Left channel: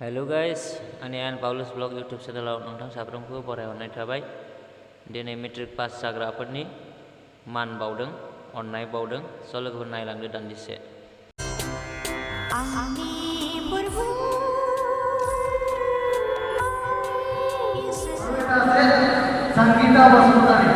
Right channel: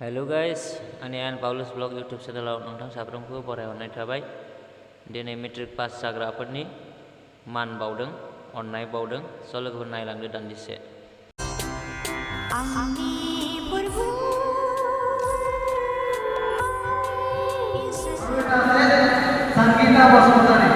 Hello' guys आंनि आन Paulus blog YouTube चेनेलाव नोंथां साफ्रोमखौबो बरायहरनाय थाबाय। दिनै मेट्रिक पास जाग्राफोरनि मान बावदों, अननाय बावदों। स' लोगोफोर नायलांदो दान्दिसे। Sangeeta Basumatary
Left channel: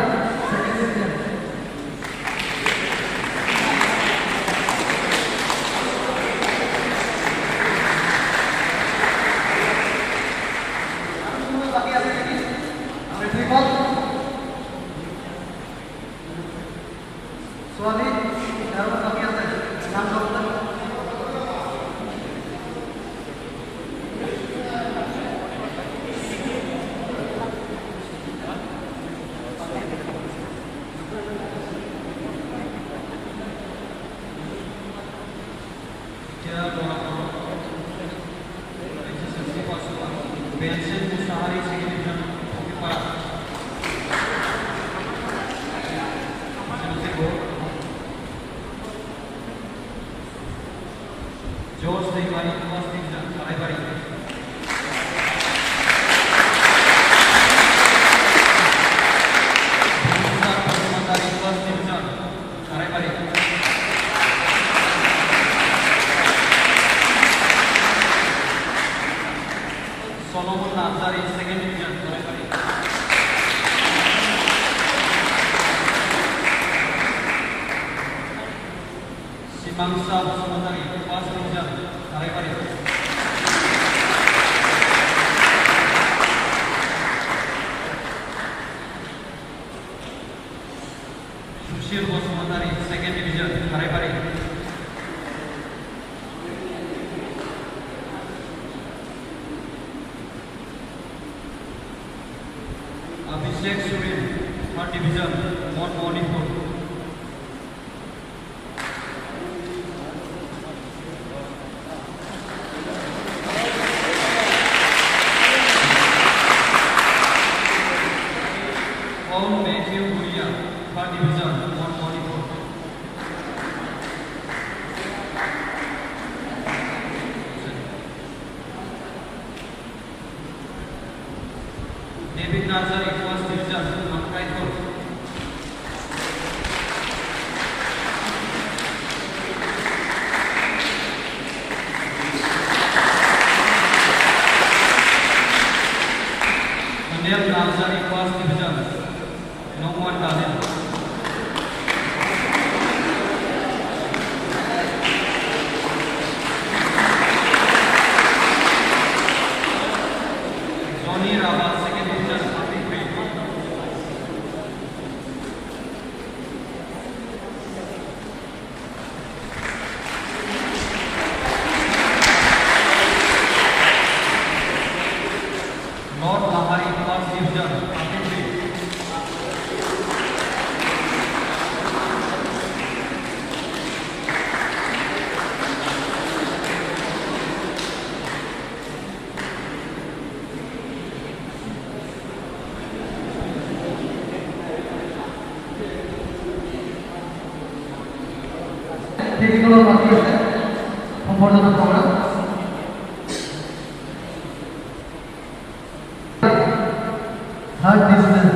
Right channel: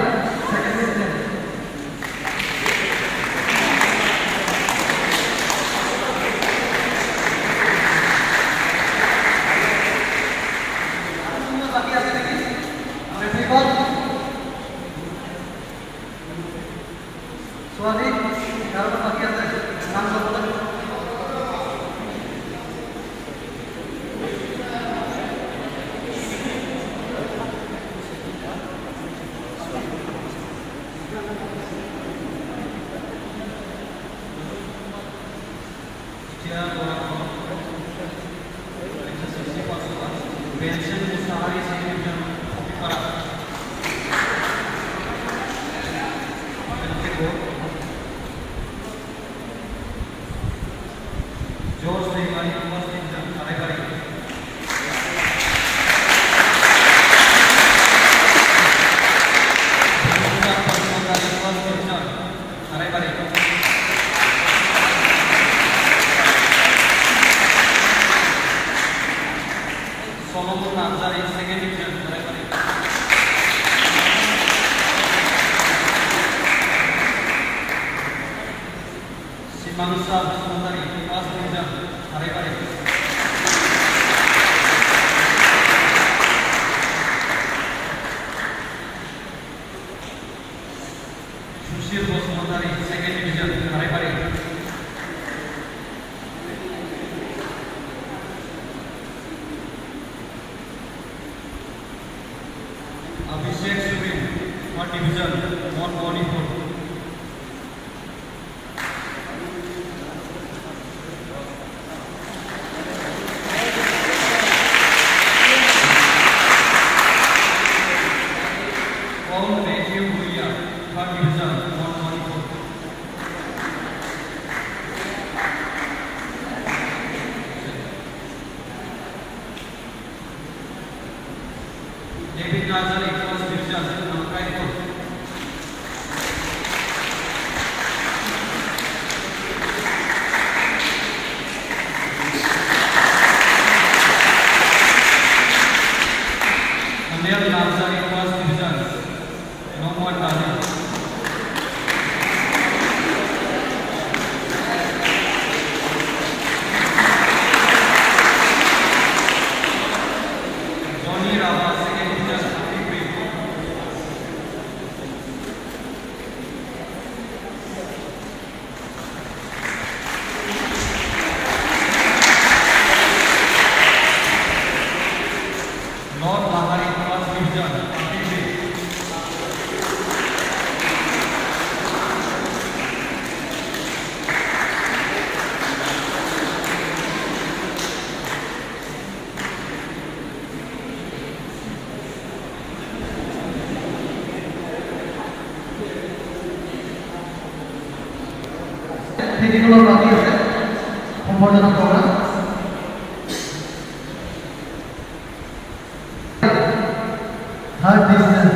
Suami, kalau pakai apa? Langsung kan? Bensin Mustahari Signifikan Kopi Parah Jos Dimari Tuas Tinggal Karekari Bunda Pasmatari Tuas Tinggal Karekari Solomon Nazari Second Division Karekari Simangsa Basmatari First Division Karekari Sushil Basmatari Second Division Karekari Abhishek Surin Third Division Mount Manipur Paul Matthew Buria, Third Division, Mount Manipur. David Nazari, First Division, Raipur. Daniel Nazari, First Division. Nomwan Daniel. Johnny Rava, Second Division, Apipri. Lord Lahari, First Division, Apipri. Technical বাকি আছে সম্বর্ধনা programme third division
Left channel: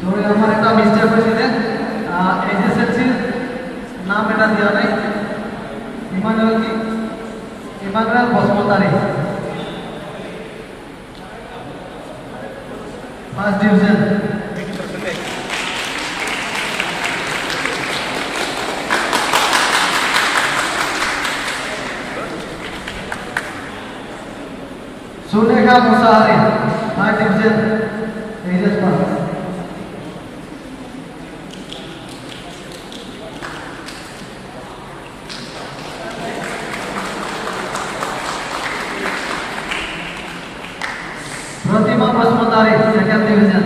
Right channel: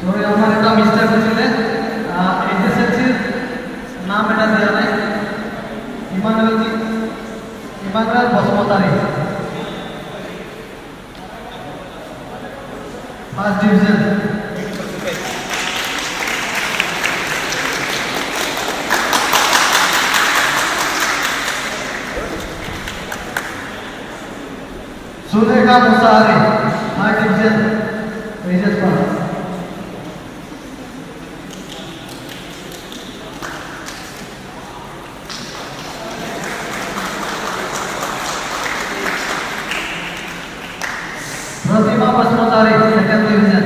সবাই আমার এটা mistake হয়েছিল এসএসএলসির নাম এটা দেওয়া নাই Emmanuel Basumatary first division Sulekha Mushahary third division HS pass Pratima Basumatary second division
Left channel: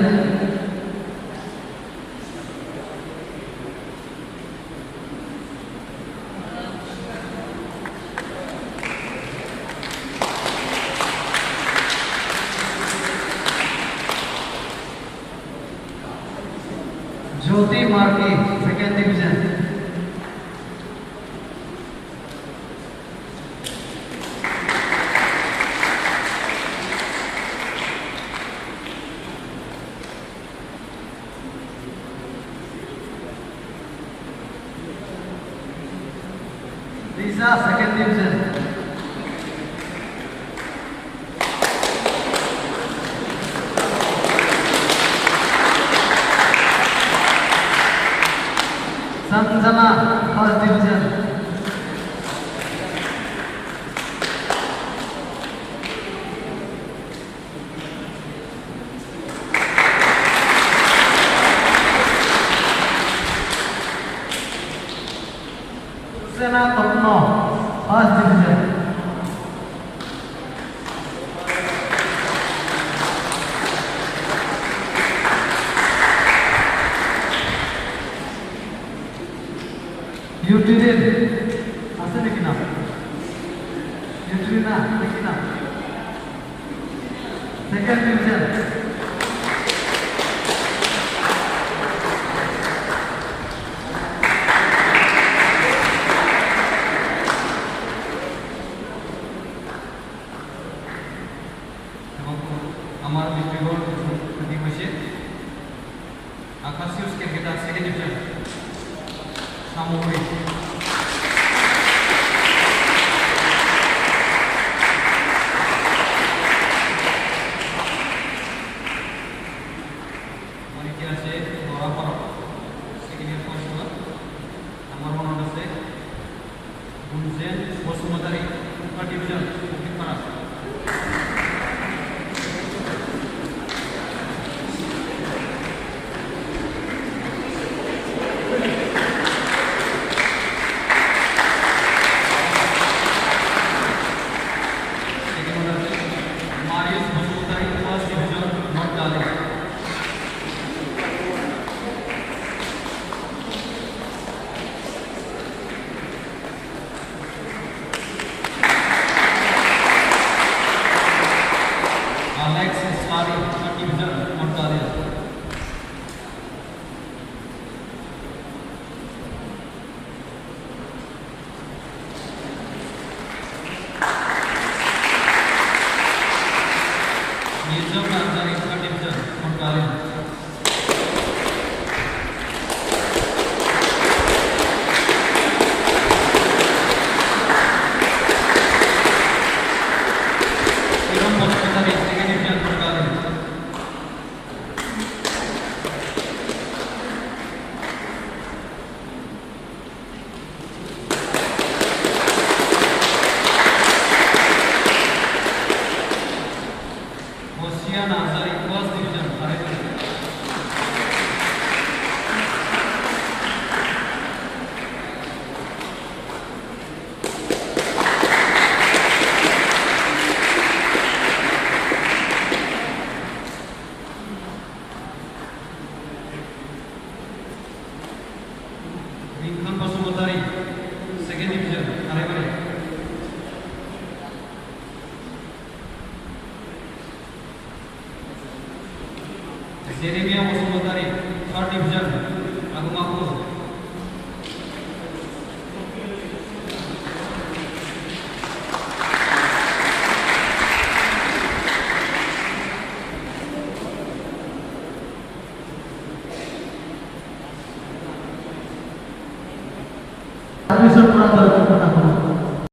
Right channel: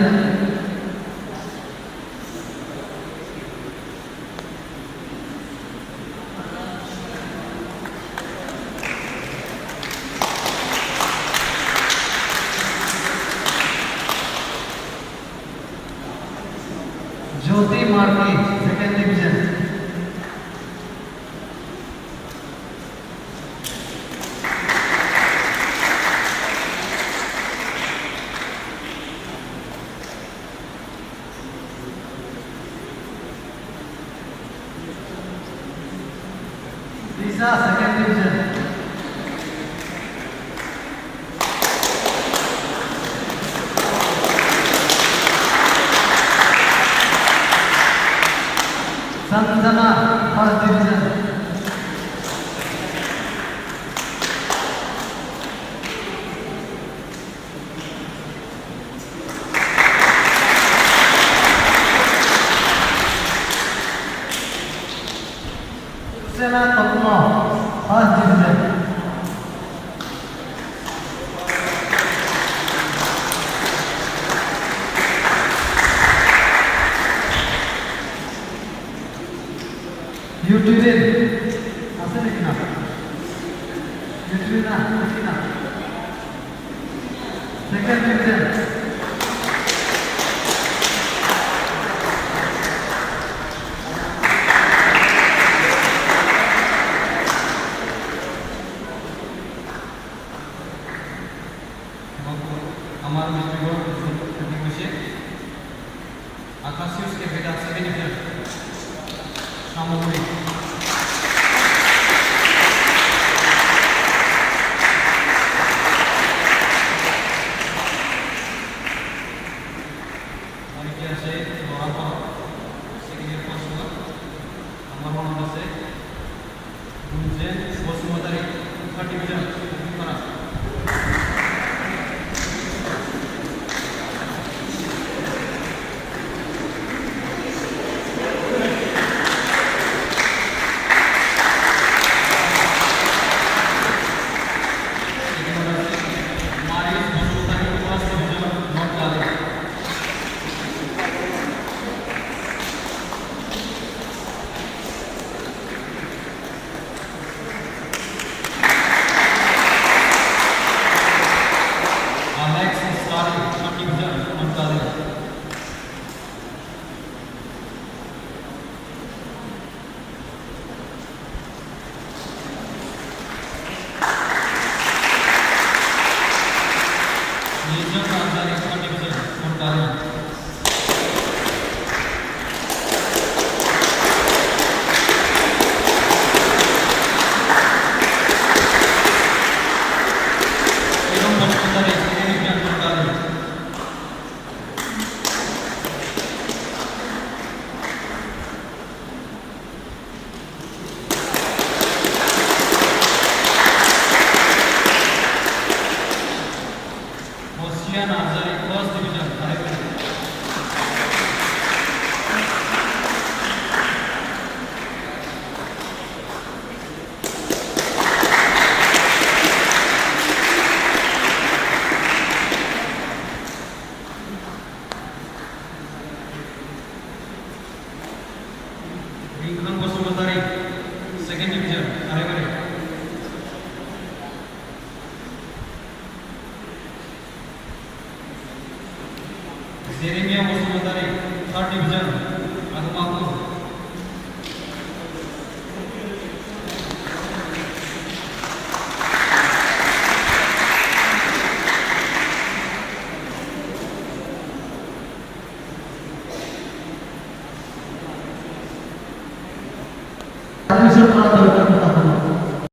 Shruti Marki, second division. Lisa, second division. Sanjana, first division. Susena Patno, first division. Yutrina, আছে নাকি না? Yutrina, নাকি না? Second division. আমার বিশ্ববিদ্যালয় প্রতিবেশে আকাশিউস ক্যাপিটাল সেকেন্ড ডিভিশন সামগ্রিক অনেকে আছে বরাবর সেকেন্ড ইয়ার কোর্স হলো আমার মনে হচ্ছে গুনজেন বসুমতারি থার্ড ডিভিশন করা second division, Jeremia Bosumotari, third division, Agumakur.